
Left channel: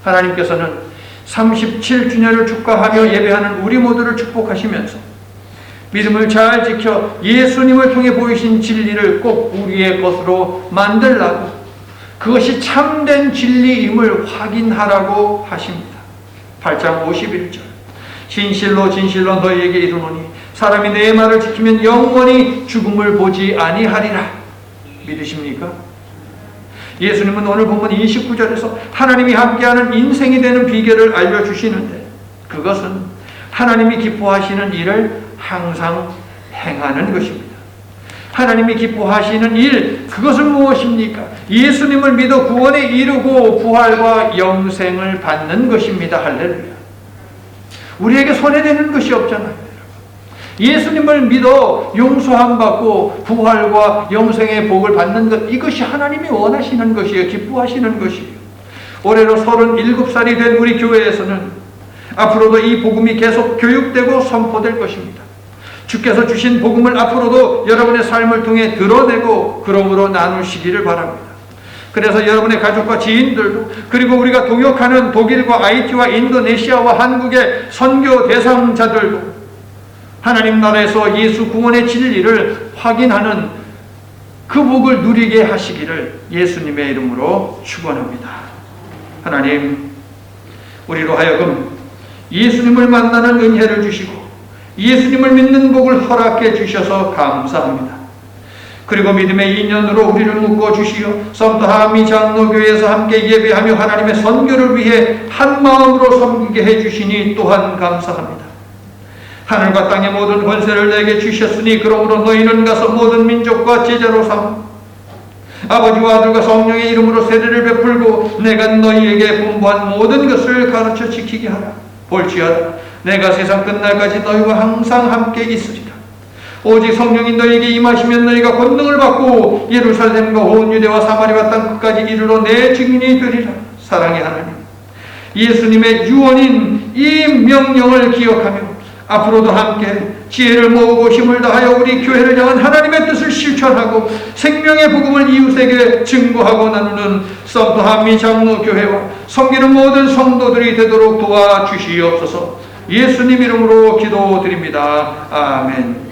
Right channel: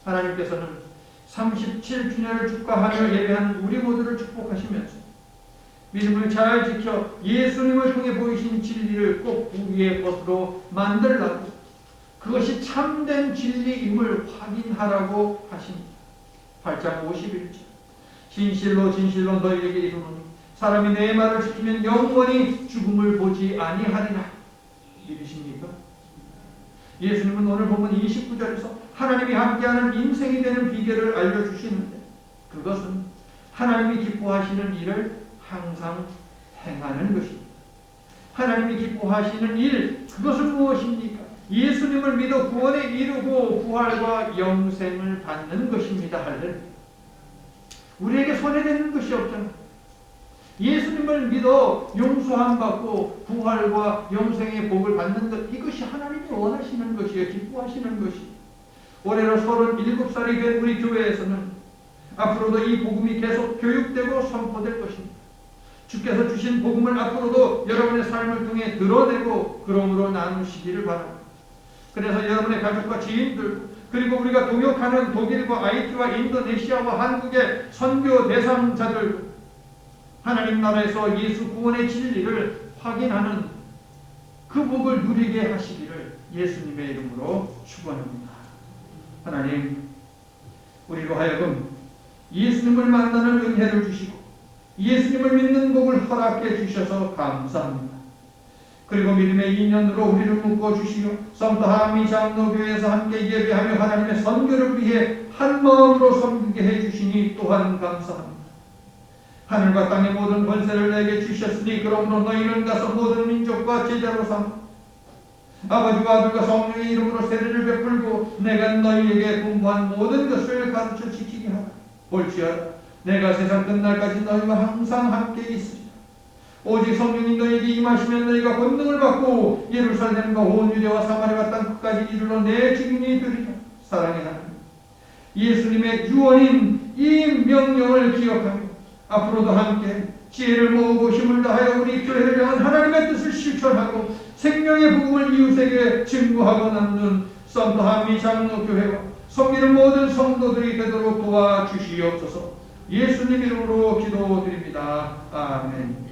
하나님께서는 37주년을 축하하며 예배하는 우리 모두를 축복하시면서 믿음을 잘 지켜 예수님을 통해 보이신 진리를 꼭 우리의 것으로 만들라고, 그것이 참된 진리임을 확인하라고 하십니다. 8장 51절, 진실로 진실로 너희에게 이르노니 사람이 내 말을 지키면 영원히 죽음을 보지 아니하리라. 믿으십니까? 예수님은 오늘 본문 29절에서 하나님이 함께하는 인생이 되는 비결을 알려주시는데, 그것은 하나님이 기뻐하시는 일을 항상 행하는 것입니다. 하나님이 기뻐하시는 일, 그것은 무엇입니까? 예수님을 믿어 구원에 이르고 부활과 영생을 받는 것입니다. 할렐루야. 우리에게 손해되는 것이 없잖아요. 예수님을 믿어 용서함 받고 부활과 영생의 복을 받는 것, 이것이 하나님이 원하시는 것이에요. 기뻐하시는 것이에요. 올해로 37살이 된 우리 교회에서는 앞으로도 이 복음이 계속 교육되고 선포될 것입니다. 주께서 주신 복음을 앞으로도 여러분의 삶을 통해 드러내고 그러므로 나누시기를 바랍니다. 그래서 여러분의 가족과 지인들도, 그리고 우리가 동역하는 독일과 IT와 인도네시아와 한국의 선교 대상자들도 하나님 나라에서 예수 구원의 진리를 확인하는 그 복을 누리게 하시기를 예수님의 이름으로 축원합니다. 하나님, 우리로 하여금 예수님을 만나는 은혜를 주시고 예수님을 믿는 복을 허락해 주셔서 감사합니다. 그리고 믿음의 인연으로 우리를 묶어 주시어 썸더하미 장로교회에서 함께 예배하며 하나님의 선교를 위해 한 마음으로 섬기게 해 주시니 또한 감사합니다. 하늘과 땅의 모든 권세를 내게 주셨으니 그러므로 너희는 가서 모든 민족과 제자로 삼아 아버지와 아들과 성령의 이름으로 세례를 베풀고 내가 너희에게 분부한 모든 것을 가르쳐 지키게 하라. 볼지어다 내가 세상 끝날까지 너희와 항상 함께 있으리라. 오직 성령이 너희에게 임하시면 너희가 권능을 받고 예루살렘과 온 유대와 사마리아 땅 끝까지 이르러 내 증인이 되리라. 사랑의 하나님, 예수님의 유언인 이 명령을 기억하며 앞으로도 함께 지혜를 모으고 힘을 다하여 우리 교회를 향한 하나님의 뜻을 실천하고 생명의 복음을 이웃에게 증거하고 나누는 썸더하미 장로교회와 섬기는 모든 성도들이 되도록 도와주시옵소서. 예수님 이름으로 기도드립니다. 아멘.